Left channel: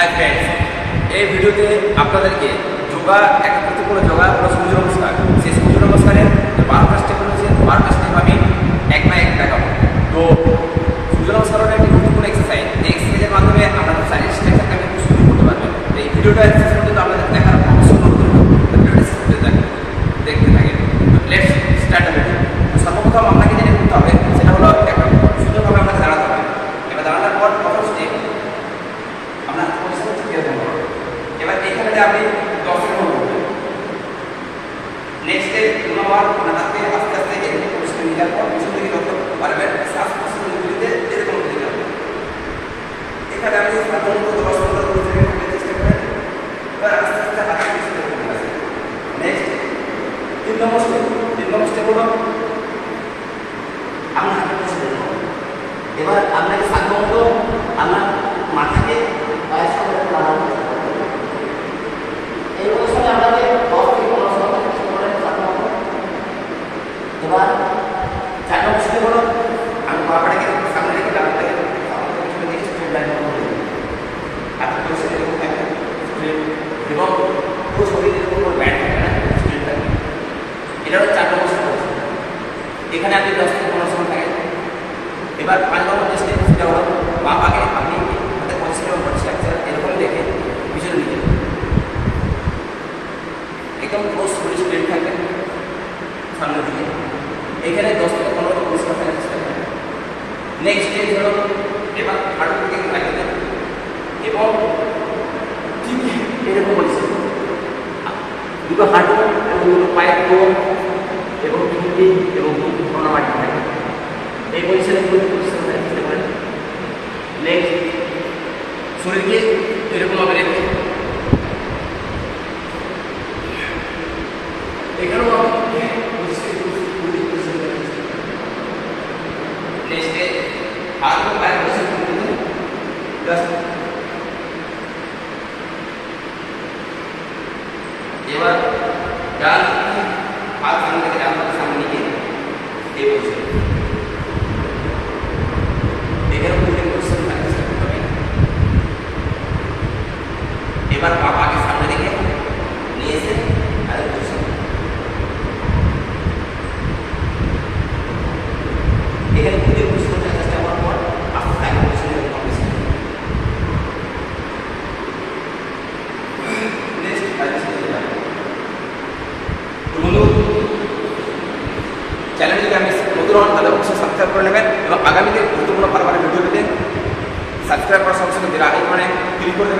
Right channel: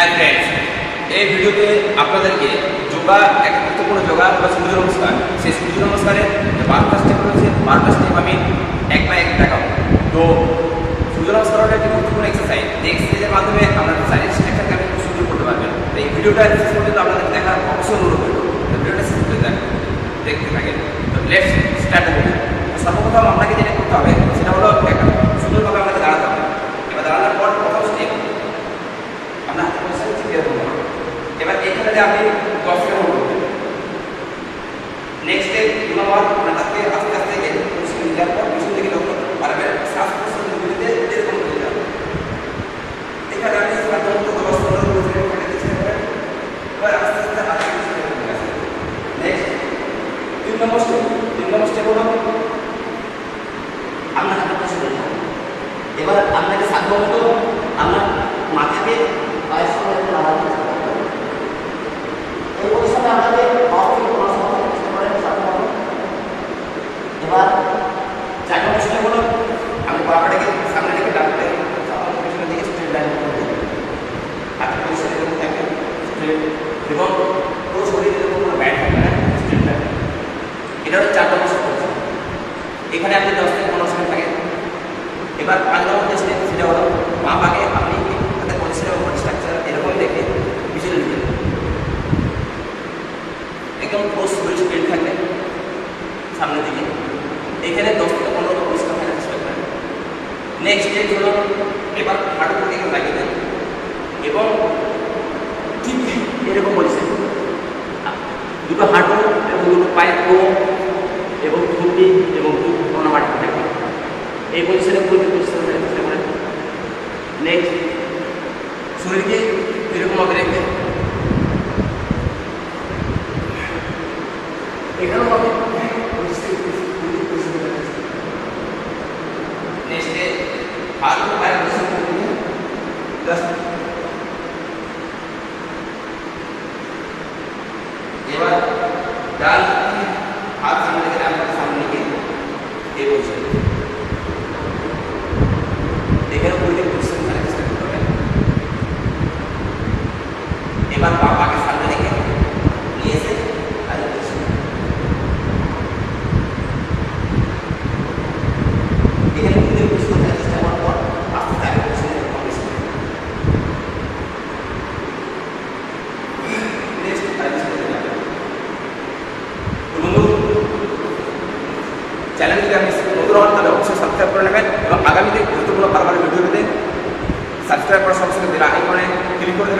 Hi friends, এই ভিডিওতে আপনাদেরকে যোগা এক গুরুত্বপূর্ণ যোগা বা সূর্য নমস্কার, সেই সূর্য নমস্কারের 12টা স্টেপ রয়েছে। 12টা স্টেপ আমি এক না এক দেখাবো। তো সূর্য নমস্কার হলো একটি গুরুত্বপূর্ণ এক্সারসাইজ, যে এক্সারসাইজের মাধ্যমে আপনার শারীরিক স্ট্রাকচারকে আপনি খুব সুন্দর করতে পারবেন। এই ভিডিওটা শেষ পর্যন্ত আপনাদেরকে দেখার অবশ্যই অনুরোধ রইল। তো ভিডিওটা শেষ পর্যন্ত দেখতে থাকেন। তো লেটস স্টার্ট দ্য ভিডিও। সর্বপ্রথম আপনাকে যেটা করতে হবে সেটা হলো একটা সুন্দরভাবে আপনাকে দাঁড়াতে হবে। এবার দাঁড়ানোর পর প্রথম স্টেপ আপনার হাত পরিষ্কার এরকম করবেন। এবার এখানে আপনি 10 সেকেন্ড হোল্ড করবেন। নেক্সট স্টেপ 2 নম্বর, আপনার হাতকে আস্তে আস্তে এরকম পরিষ্কার নেওয়ার পর পিছন দিকে যত পারবেন শ্বাস প্রশ্বাস নিতে এরকম করে যাবেন। এখানে আপনি সাধারণত 10-15 সেকেন্ড থাকতে চেষ্টা করেন। এবার আস্তে আস্তে হাতকে পিছনে রেখে দেবেন। নেক্সট 3 নম্বর স্টেপ হলো আপনার হাতের পিছনে রাখুন। এবার আপনাকে সাধারণত আপনার মাথাকে পায়ের সঙ্গে লাগাতে চেষ্টা করবেন। এই পজিশনে আপনাকে 10 থেকে 15 সময় থাকতে চেষ্টা করেন সাধারণত। এবার 4 নম্বর স্টেপ হলো আমি পাটাকে সামনে রেখে ডানটাকে সাধারণত পিছনে দিকে স্ট্রেট লাইন করবেন। হাতের পজিশনে এরকম থাকবে স্ট্রেট, এবং পুরো শরীরে এরকম কোনো ব্যান্ড থাকবে না, স্ট্রেট থাকবে। এটা হলো 4 নম্বর স্টেপ। এখানে আপনি 10 থেকে 15 সময় থাকেন। এবার 5 নম্বর যে স্টেপ সেটা হলো বাম পাকে আপনি হাতের পজিশন এবং বডি স্ট্রাকচার এরকম দেখে পিছনে নিয়ে যাবেন। একদম পুরো শরীর স্ট্রেট থাকবে সামনের দিকে। এখানে 10 থেকে 15 পরিষ্কার ফেলার চেষ্টা করেন। নেক্সট স্টেপ হলো এবার হাঁটুর দিকে লাগিয়ে দেন এবং ঠিক এরকম পজিশন দুটো হাঁটু এবং দুটো পায়ের কোণ এবং থুতনি এবং কোনো মাটি থাকে এই পজিশনে পুরো পরিষ্কার করার চেষ্টা করেন। নেক্সট শরীরকে এরকমভাবে রেখে এখানেও আমি নেক্সটে হাত ও পায়ের পজিশন করে দিন। জাস্ট এবার ডান হাত সামনে রেখে ডান হাত সামনে নিয়ে এই পজিশন এখানে উল্টে পজিশন থাকতে চেষ্টা করতে হবে। এবার পা পাকে সামনে রেখে নিয়ে এসে আরেক পজিশন এখানে উল্টে পজিশন থাকতে চেষ্টা করার পর আস্তে আস্তে আরেক পজিশনে কমপ্লিট। নেক্সট বন্ধু, চ্যানেল যদি আপনি নতুন হন তাহলে অবশ্যই সাবস্ক্রাইব করে নেবেন এবং আগামীতে গুরুত্বপূর্ণ বারবার ভিডিও পেতে সাবস্ক্রাইব করার সঙ্গে সঙ্গে বেল আইকনে ক্লিক করে দেবেন।